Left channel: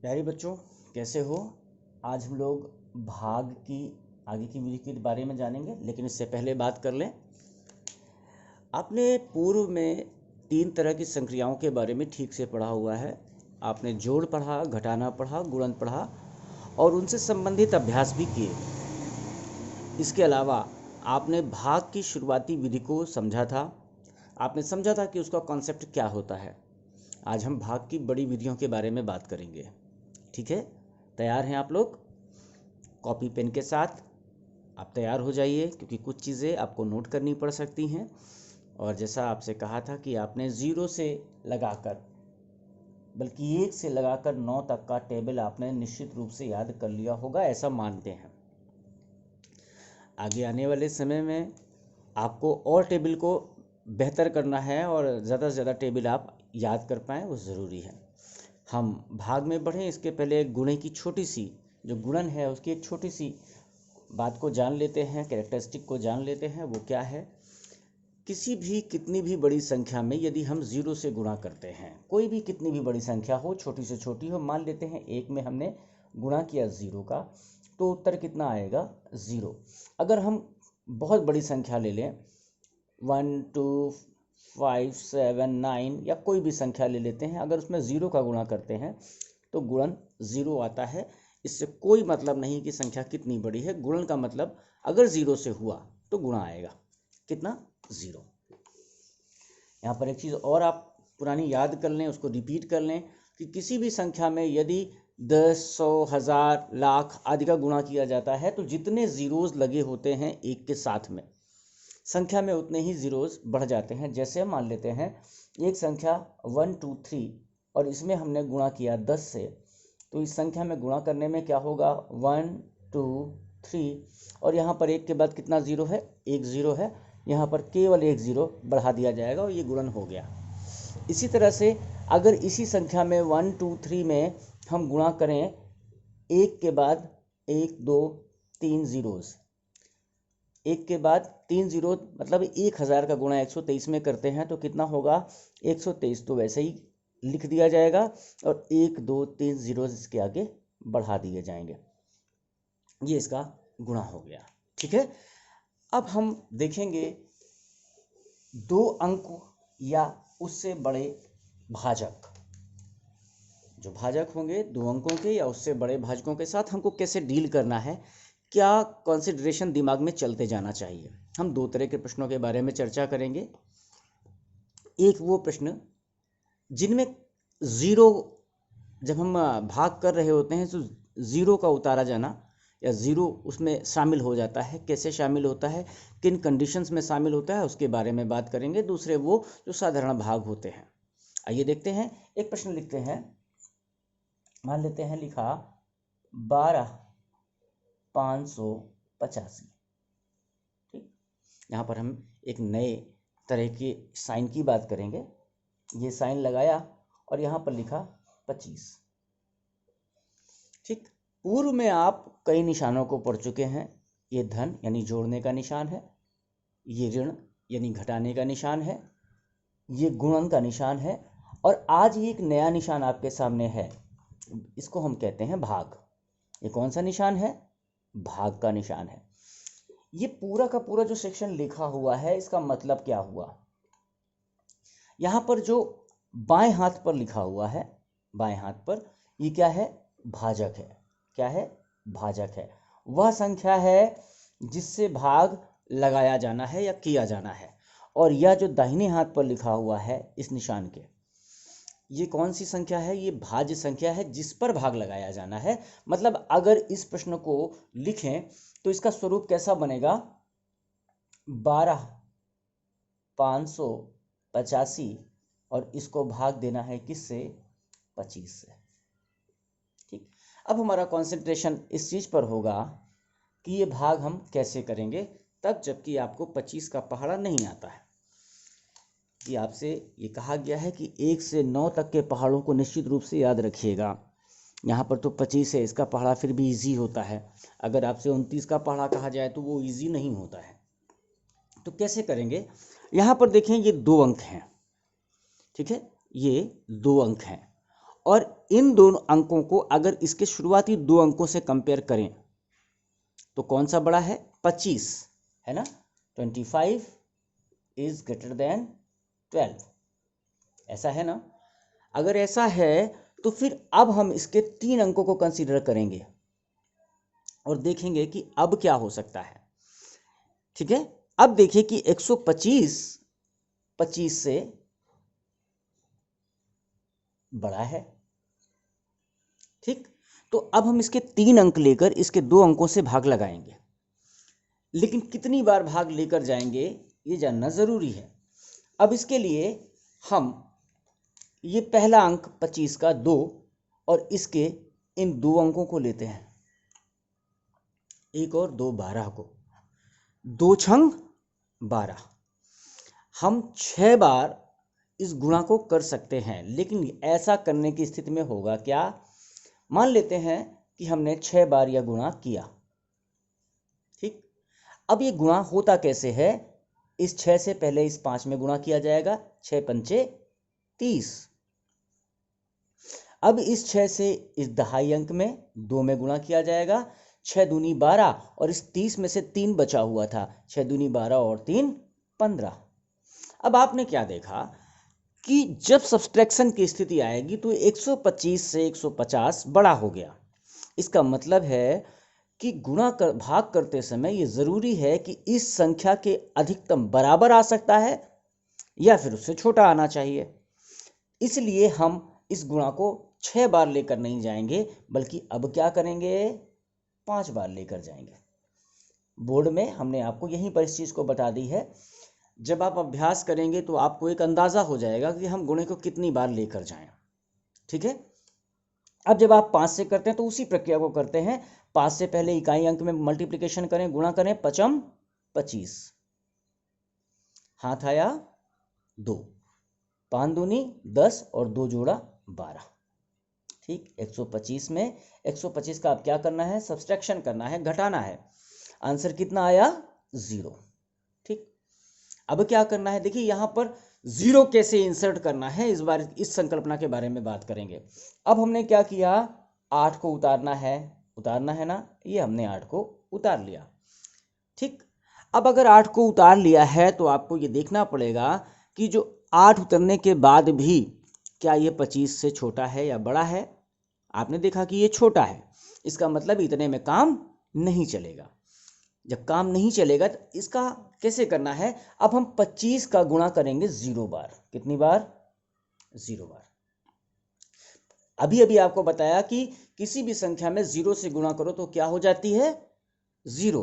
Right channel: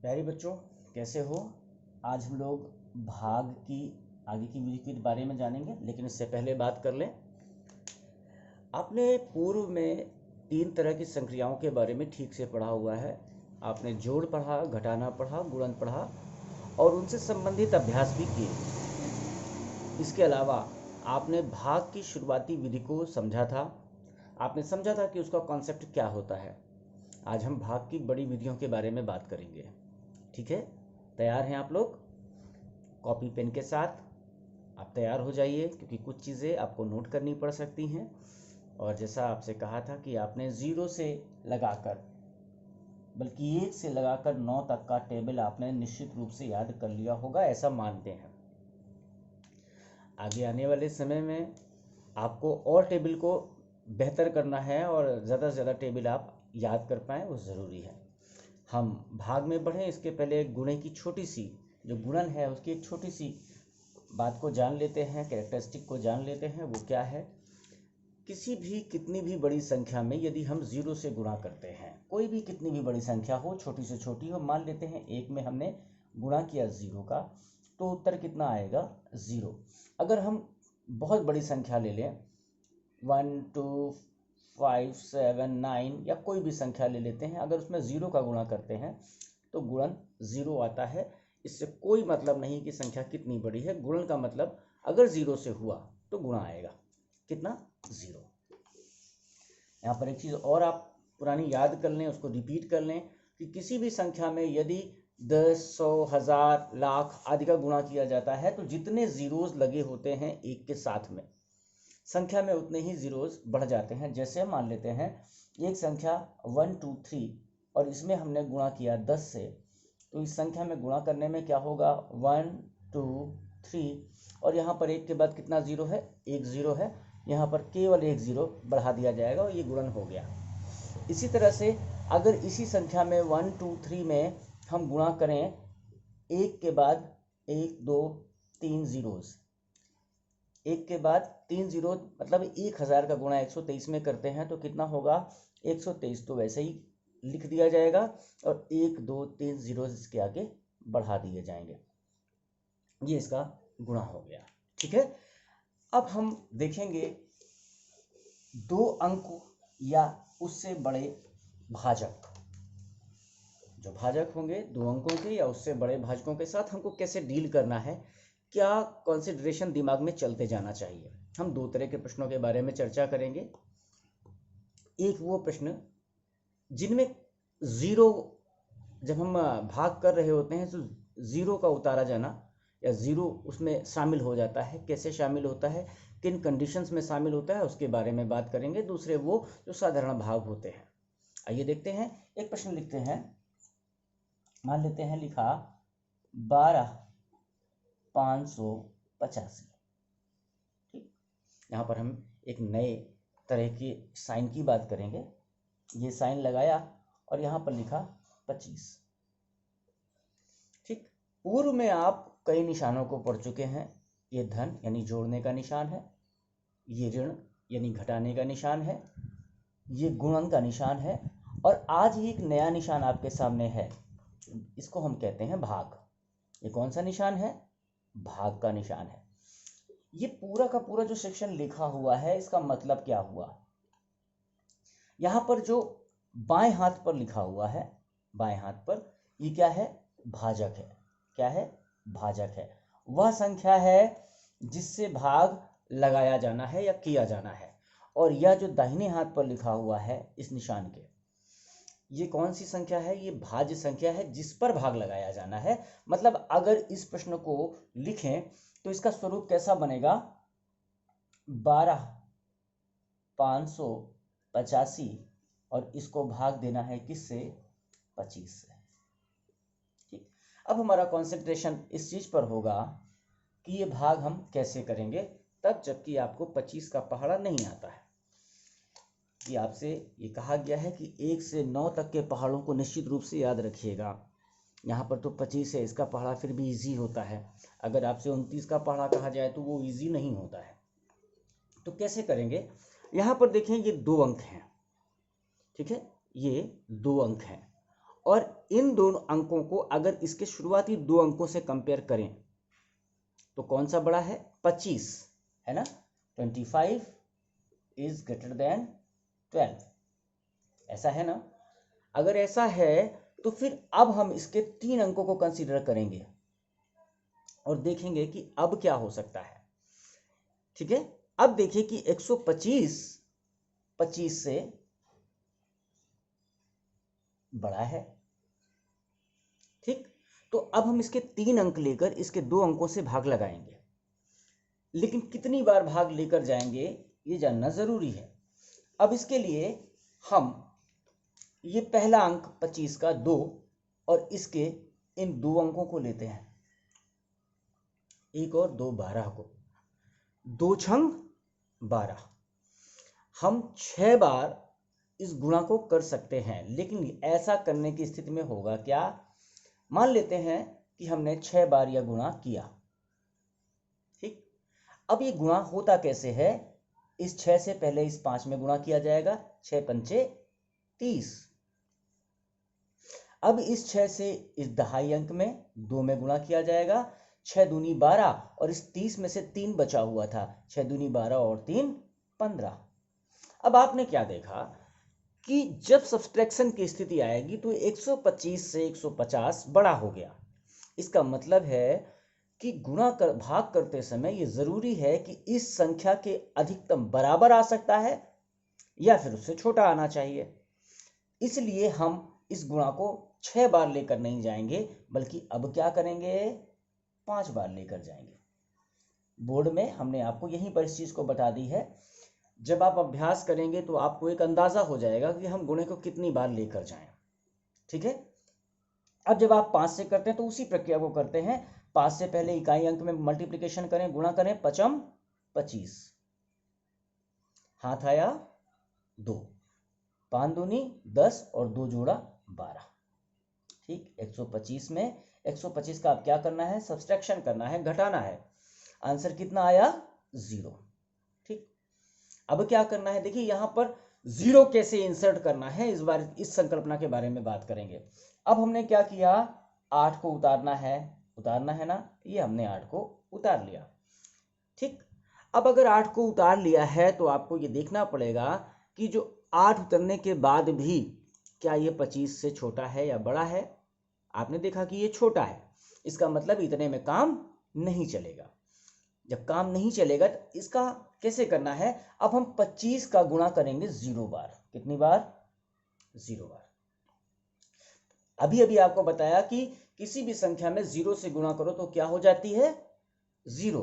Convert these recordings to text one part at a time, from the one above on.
प्यारे बच्चों, कैसे हो। आज हम लोग भाग की आगे की विधि के बारे में जानेंगे, लेकिन इससे पहले बात कर लें। आपने पूर्व में 3 तरह की संक्रियाओं के बारे में ठीक से पढ़ा हुआ है। आपने जोड़ पढ़ा, घटाना पढ़ा, गुणन पढ़ा और उनसे संबंधित अभ्यास भी किए। इसके अलावा आपने भाग की शुरुआती विधि को समझा था। आपने समझा था कि उसका कॉन्सेप्ट क्या होता है। आज हम भाग की बड़ी विधियों के बारे में बात करेंगे। ठीक है, तैयार हैं आप लोग? कॉपी पेन के साथ आप तैयार हो जाइए, क्योंकि कुछ चीज़ें आपको नोट करनी पड़ सकती हैं। और जैसा आपसे कहा था कि आपने 0 से लगाकर, बल्कि 1 से लगाकर 9 तक का टेबल आपने निश्चित रूप से याद कर लिया होगा, ऐसा मानते हैं। आगे आने वाले समय में आपको और टेबल को बेहतर करना है और ज़्यादा से ज़्यादा टेबल आप याद कर पाएँ, वो ज़रूरी है। हम भाग में बढ़ें इसके पहले गुणे की छोटी सी, जो गुणन है उसकी एक छोटी सी बात को जान लेते हैं, कैरेक्टरिस्टिक को जान लेते हैं। वो क्या है? किसी भी कितनी भी बड़ी संख्या में यदि हम 0 से गुणा करते हैं, कोई भी कितनी भी बड़ी संख्या हो, छोटी से छोटी हो, मान लेते हैं 1 में हमने गुणा किया 0 का, तो उत्तर कितना आएगा? 0। अगर हम बहुत बड़ी संख्या ले लें, 1 2 5 7 9 या कोई भी संख्या ले लेते हैं, अगर उसमें 0 का गुणा करते हैं तो गुणन 0 आता है। इससे कोई मतलब नहीं कि संख्या कितनी बड़ी है। गुणन का मतलब अगर 0 से हुआ तो गुणा आएगा। कितना? 0। यहाँ पर एक चीज़ और आप पुरानी याद कर लें, उसको रिपीट कर लें कि किसी भी संख्या में यदि 10 100 1000 लाख आदि का गुणा किया जाता है तो जितने जीरोज लगे होते हैं एक के साथ में, संख्या में उतने ही जीरोज बढ़ जाते हैं। जैसे मान लेते हैं एक संख्या 1 2 3 और इसमें हमने गुणा किया 10 से, तो इस संख्या में गुणा करने में क्या होगा? 1 2 3 और यहाँ पर एक के बाद कितना जीरो है? एक जीरो है। यहाँ पर केवल एक जीरो बढ़ा दिया जाएगा और ये गुणन हो गया। इसी तरह से अगर इसी संख्या में 1 2 3 में हम गुणा करें एक के बाद 1 2 3 जीरोज, एक के बाद 3 जीरो, मतलब 1000 का गुणा 123 में करते हैं तो कितना होगा? 123। तो वैसे ही लिख दिया जाएगा और 1 2 3 जीरो इसके आगे बढ़ा दिए जाएंगे। ये इसका गुणा हो गया। ठीक है, अब हम देखेंगे 2 अंक या उससे बड़े भाजक। जो भाजक होंगे 2 अंकों के या उससे बड़े भाजकों के साथ हमको कैसे डील करना है, क्या कंसिडरेशन दिमाग में चलते जाना चाहिए। हम 2 तरह के प्रश्नों के बारे में चर्चा करेंगे। एक वो प्रश्न जिनमें ज़ीरो, जब हम भाग कर रहे होते हैं तो ज़ीरो का उतारा जाना या ज़ीरो उसमें शामिल हो जाता है, कैसे शामिल होता है, किन कंडीशंस में शामिल होता है, उसके बारे में बात करेंगे। दूसरे वो जो साधारण भाग होते हैं। आइए देखते हैं। एक प्रश्न लिखते हैं, मान लेते हैं लिखा 12,585। ठीक, यहाँ पर हम एक नए तरह के साइन की बात करेंगे। ये साइन लगाया और यहाँ पर लिखा 25। ठीक, पूर्व में आप कई निशानों को पढ़ चुके हैं। ये धन यानी जोड़ने का निशान है, ये ऋण यानी घटाने का निशान है, ये गुणन का निशान है और आज एक नया निशान आपके सामने है। इसको हम कहते हैं भाग। ये कौन सा निशान है? भाग का निशान है। ये पूरा का पूरा जो सेक्शन लिखा हुआ है, इसका मतलब क्या हुआ? यहाँ पर जो बाएं हाथ पर लिखा हुआ है, बाएं हाथ पर, ये क्या है? भाजक है। क्या है? भाजक है। वह संख्या है जिससे भाग लगाया जाना है या किया जाना है। और यह जो दाहिने हाथ पर लिखा हुआ है इस निशान के, ये कौन सी संख्या है? ये भाज्य संख्या है जिस पर भाग लगाया जाना है। मतलब अगर इस प्रश्न को लिखें तो इसका स्वरूप कैसा बनेगा? 12,585 और इसको भाग देना है किससे? 25 से। ठीक, अब हमारा कंसंट्रेशन इस चीज पर होगा कि ये भाग हम कैसे करेंगे, तब जबकि आपको 25 का पहाड़ा नहीं आता है। कि आपसे ये कहा गया है कि 1 से 9 तक के पहाड़ों को निश्चित रूप से याद रखिएगा। यहाँ पर तो 25 है, इसका पहाड़ा फिर भी इजी होता है। अगर आपसे 29 का पहाड़ा कहा जाए तो वो इजी नहीं होता है। तो कैसे करेंगे? यहाँ पर देखें, ये 2 अंक हैं। ठीक है, ये 2 अंक हैं और इन दोनों अंकों को अगर इसके शुरुआती दो अंकों से कंपेयर करें तो कौन सा बड़ा है? 25 है ना। 25 इज ग्रेटर देन 12, ऐसा है ना। अगर ऐसा है तो फिर अब हम इसके 3 अंकों को कंसीडर करेंगे और देखेंगे कि अब क्या हो सकता है। ठीक है, अब देखिए कि 125 25 से बड़ा है। ठीक, तो अब हम इसके 3 अंक लेकर इसके 2 अंकों से भाग लगाएंगे, लेकिन कितनी बार भाग लेकर जाएंगे ये जानना जरूरी है। अब इसके लिए हम ये पहला अंक 25 का 2 और इसके इन 2 अंकों को लेते हैं, 1 और 2, 12 को, 2 छंग 12। हम 6 बार इस गुणा को कर सकते हैं, लेकिन ऐसा करने की स्थिति में होगा क्या? मान लेते हैं कि हमने 6 बार यह गुणा किया। ठीक, अब ये गुणा होता कैसे है? इस 6 से पहले इस 5 में गुणा किया जाएगा, 6 पंचे 30। अब इस 6 से इस दहाई अंक में 2 में गुणा किया जाएगा, 6 दूनी 12 और इस 30 में से 3 बचा हुआ था, 6 दूनी 12 और 3 15। अब आपने क्या देखा कि जब सब्सट्रैक्शन की स्थिति आएगी तो 125 से 150 बड़ा हो गया। इसका मतलब है कि गुणा कर भाग करते समय ये जरूरी है कि इस संख्या के अधिकतम बराबर आ सकता है या फिर उससे छोटा आना चाहिए। इसलिए हम इस गुणा को 6 बार लेकर नहीं जाएंगे, बल्कि अब क्या करेंगे? 5 बार लेकर जाएंगे। बोर्ड में हमने आपको यहीं पर इस चीज को बता दी है। जब आप अभ्यास करेंगे तो आपको एक अंदाजा हो जाएगा कि हम गुणे को कितनी बार लेकर जाएं। ठीक है, अब जब आप 5 से करते हैं तो उसी प्रक्रिया को करते हैं। 5 से पहले इकाई अंक में मल्टीप्लिकेशन करें, गुणा करें, 5 25, हाथ आया 2, 5 दूनी 10 और 2 जोड़ा 12। ठीक, 125 में 125 का अब क्या करना है? सब्सट्रैक्शन करना है, घटाना है। आंसर कितना आया? 0। ठीक, अब क्या करना है? देखिए यहां पर 0 कैसे इंसर्ट करना है, इस बार इस संकल्पना के बारे में बात करेंगे। अब हमने क्या किया? 8 को उतारना है ना, ये हमने 8 को उतार लिया। ठीक, अब अगर 8 को उतार लिया है तो आपको ये देखना पड़ेगा कि जो 8 उतरने के बाद भी क्या ये 25 से छोटा है या बड़ा है? आपने देखा कि ये छोटा है, इसका मतलब इतने में काम नहीं चलेगा। जब काम नहीं चलेगा तो इसका कैसे करना है? अब हम 25 का गुणा करेंगे 0 बार। कितनी बार? 0 बार। अभी अभी आपको बताया कि किसी भी संख्या में 0 से गुणा करो तो क्या हो जाती है? 0।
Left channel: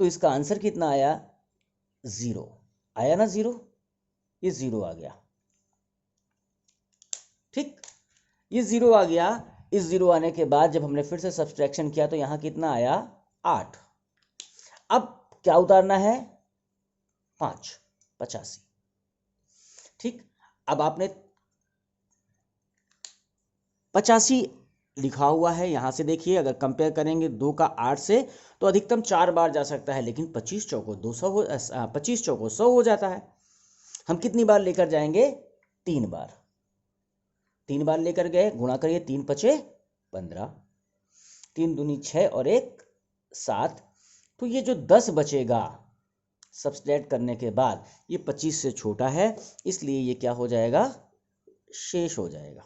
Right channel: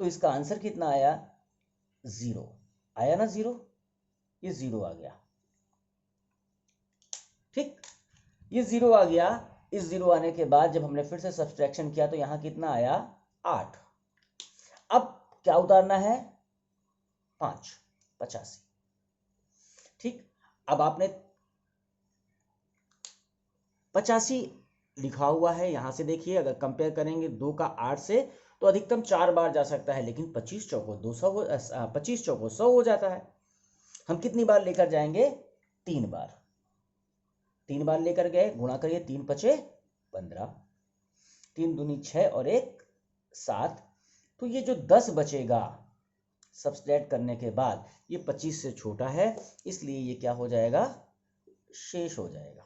तो इसका आंसर कितना आया? 0 आया ना। 0, ये 0 आ गया। ठीक, ये 0 आ गया। इस 0 आने के बाद जब हमने फिर से सब्सट्रैक्शन किया तो यहां कितना आया? 8। अब क्या उतारना है? 5, 85। ठीक, अब आपने 85 लिखा हुआ है, यहां से देखिए अगर कंपेयर करेंगे 2 का 8 से तो अधिकतम 4 बार जा सकता है, लेकिन 25 चौको 200 हो 25 चौको 100 हो जाता है। हम कितनी बार लेकर जाएंगे? 3 बार। 3 बार लेकर गए, गुणा करिए, 3 पचे 15, 3 दूनी 6 और 1 7। तो ये जो 10 बचेगा सब्सट्रैक्ट करने के बाद, ये 25 से छोटा है, इसलिए ये क्या हो जाएगा? शेष हो जाएगा।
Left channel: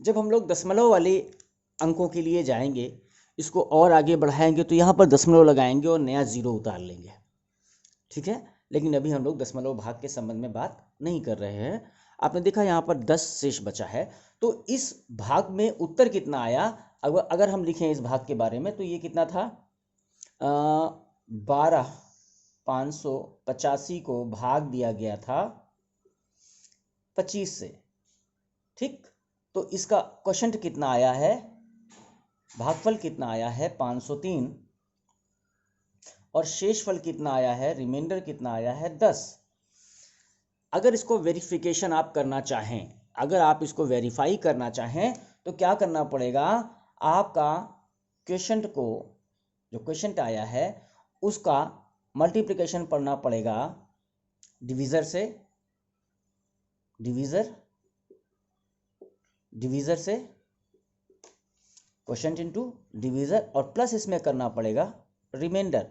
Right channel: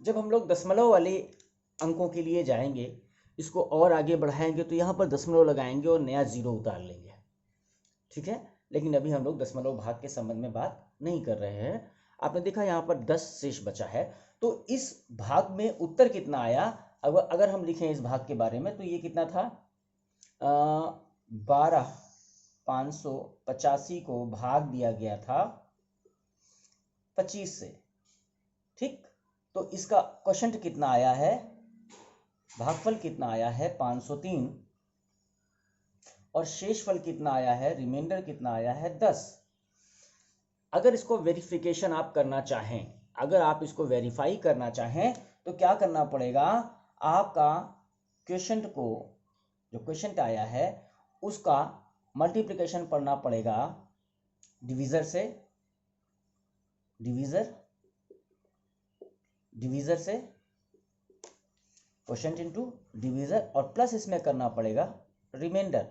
जब हम लोग दशमलव वाले अंकों के लिए जाएंगे, इसको और आगे बढ़ाएंगे तो यहाँ पर दशमलव लगाएंगे और नया 0 उतार लेंगे। ठीक है, लेकिन अभी हम लोग दशमलव भाग के संबंध में बात नहीं कर रहे हैं। आपने देखा यहाँ पर 10 शेष बचा है, तो इस भाग में उत्तर कितना आया? अगर हम लिखें इस भाग के बारे में तो ये कितना था? 12 585 को भाग दिया गया था 25 से। ठीक, तो इसका क्वोशंट कितना आया है? भागफल कितना आया है? 503। और शेषफल कितना आया है? रिमाइंडर कितना आया है? 10। अगर इसको वेरिफिकेशन आप करना चाहें, अगर आप इसको वेरीफाई करना चाहें तो क्या करना पड़ेगा? आपका क्वोशंट को, जो क्वोशंट आया है उसका मल्टीप्लिकेशन पढ़ना पड़ेगा डिवीजर से, डिवीजर डिवीज़र से क्वोशंट इनटू डिवीज़र और प्लस इसमें करना पड़ेगा रिमाइंडर।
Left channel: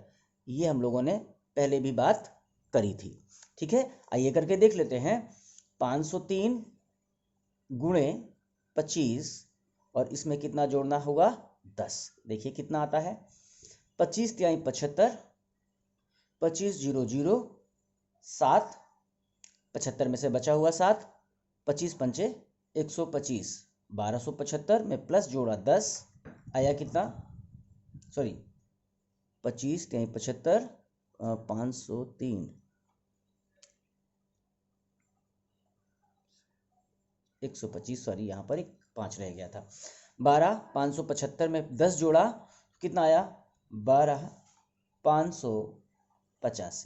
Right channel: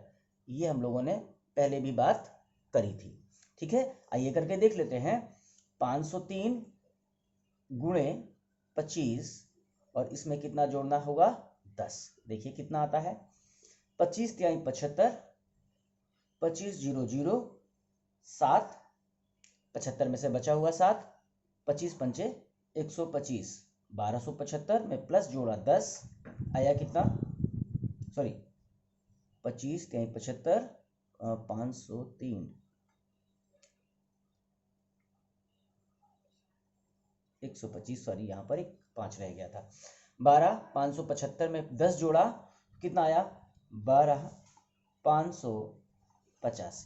ये हम लोगों ने पहले भी बात करी थी। ठीक है, आइए करके देख लेते हैं। 503 गुणे 25 और इसमें कितना जोड़ना होगा 10। देखिए कितना आता है 25 तिहाई 75, 25 0 0 7, 75 में से बचा हुआ 7, 25 पंचे 125, 1275 में प्लस जोड़ा 10 आया कितना, सॉरी 25 तिहाई 75 503 125, सॉरी यहाँ पर एक 5 रह गया था। 12 575 में 10 जोड़ा कितना आया 12 585।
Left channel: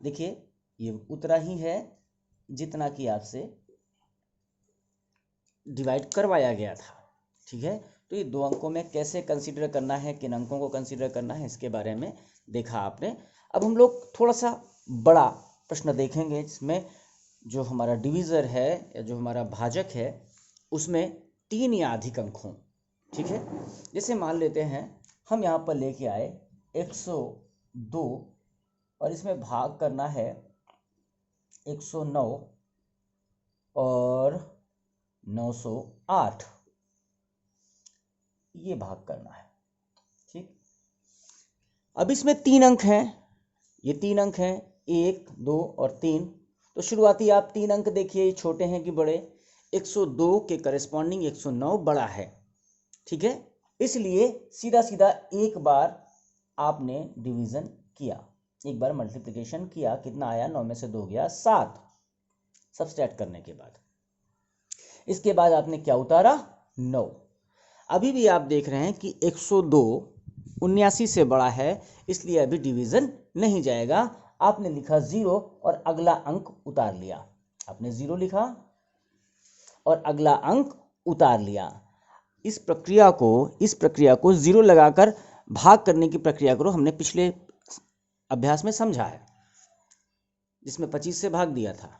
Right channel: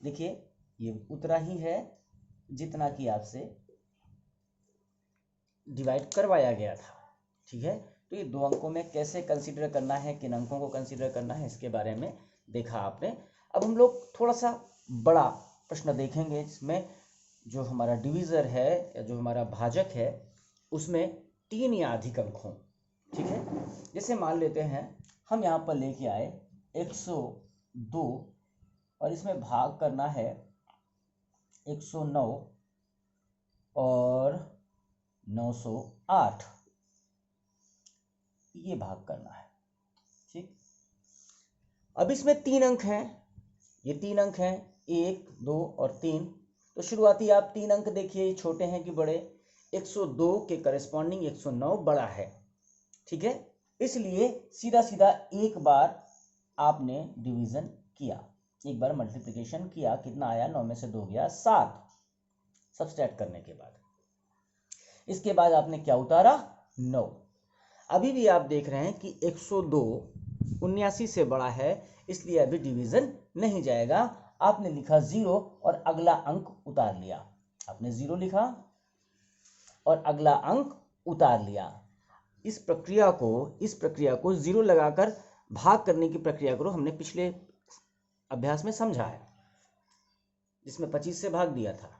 देखिए ये उतना ही है जितना कि आपसे डिवाइड करवाया गया था। ठीक है, तो ये दो अंकों में कैसे कंसीडर करना है, किन अंकों को कंसीडर करना है, इसके बारे में देखा आपने। अब हम लोग थोड़ा सा बड़ा प्रश्न देखेंगे जिसमें जो हमारा डिवीज़र है या जो हमारा भाजक है उसमें 3 या अधिक अंक हों। ठीक है, जैसे मान लेते हैं हम यहाँ पर लेके आए 102 और इसमें भाग करना है 109 और 908, ये भाग करना है। ठीक, अब इसमें 3 अंक हैं, ये 3 अंक हैं 1 2 और 3। तो शुरुआती आप 3 अंक देखिए छोटे हैं कि बड़े, 102 के करस्पॉन्डिंग 109 बड़ा है। ठीक है, इसलिए सीधा सीधा एक बार आपने डिवीजन किया, एक बार मल्टीप्लिकेशन किया, कितना आया 9 में से 2 गया 7 सब्सट्रैक्ट करने के बाद। इसके बाद आपने क्या उतारा 9। अभी भी आप देख रहे हैं कि 102 79 से बड़ा है, इसलिए अभी डिवीजन नहीं जाएगा। आपने लिखा 0 और अगला अंक उतार लिया, आपने 0 लिखा और अगला अंक उतार लिया। इस प्रक्रिया को 0 लगाकर भाग करने की प्रक्रिया को हमने पिछले अभ्यास में समझा है, जिसमें 25 से भाग दिया था।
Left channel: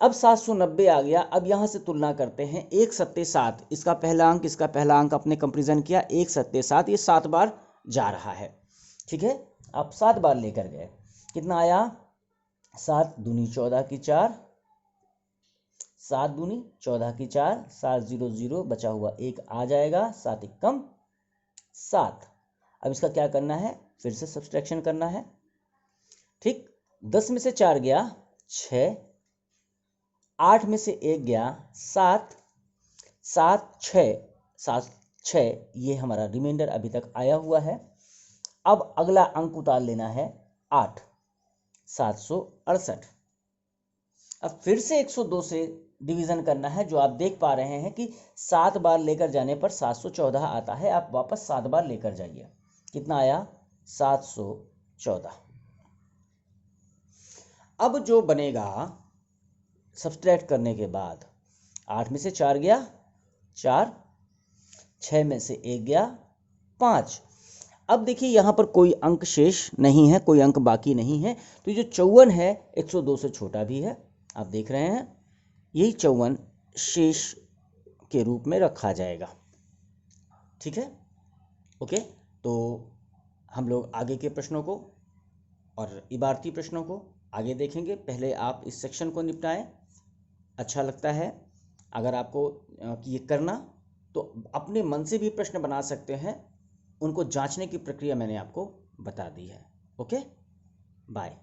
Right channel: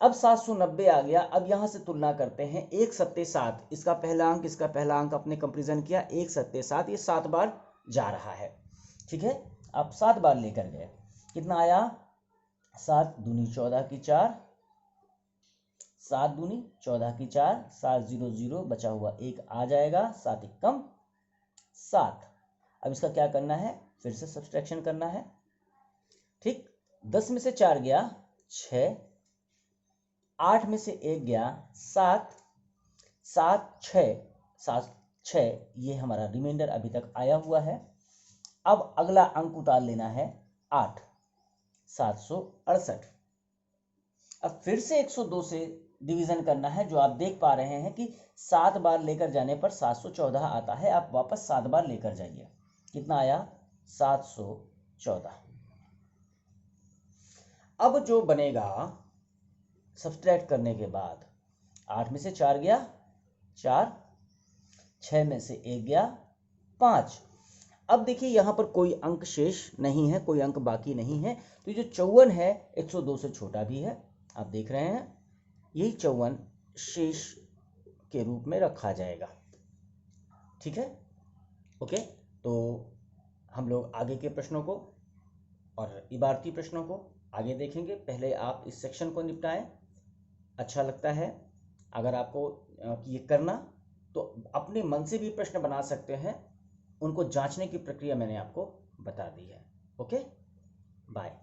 अब 790 आ गया। अब यहां से तुलना करते हैं 1 सत्ते 7, इसका पहला अंक इसका पहला अंक अपने कंपेरिजन किया, 1 सत्ते 7, ये 7 बार जा रहा है। ठीक है, आप 7 बार लेकर गए, कितना आया 7 दूनी 14 की 4, 7 दूनी 14 की 4, 7 0 0 बचा हुआ 1 आ जाएगा, 7 1 कम 7। अब इसका क्या करना है, फिर से सब्सट्रैक्शन करना है। ठीक, 10 में से 4 गया 6, 8 में से 1 गया 7, 7 6 7 6, ये हमारा रिमाइंडर अभी तक आया हुआ है। अब अगला अंक उतार लेना है 8, 768। अब फिर से 102 से डिवीजन करना है, जो आप देख पा रहे हैं कि 7 बार लेकर जाने पर 714 आता है। आप वापस 7 बार लेकर जाइए, कितना आया 714। अब जो बनेगा सब्सट्रैक्ट करने के बाद, 8 में से 4 गया 4, 6 में से 1 गया 5। अब देखिए यहाँ पर कोई अंक शेष नहीं है, कोई अंक बाकी नहीं है, तो ये जो 54 है 102 से छोटा भी है, आप देख रहे हैं, यही 54 शेष के रूप में रखा जाएगा। ठीक है, ओके। तो हम लोग आगे के प्रश्नों को और इबारती प्रश्नों को आगे देखेंगे। पहले आप इस सेक्शन को निपटाएं। अच्छा लगता है अगर आपको ये करना, तो अपने मन से भी प्रश्न बना सकते हैं, उनको जांचने की प्रक्रिया मैंने आपको बता दी है। Okay, bye.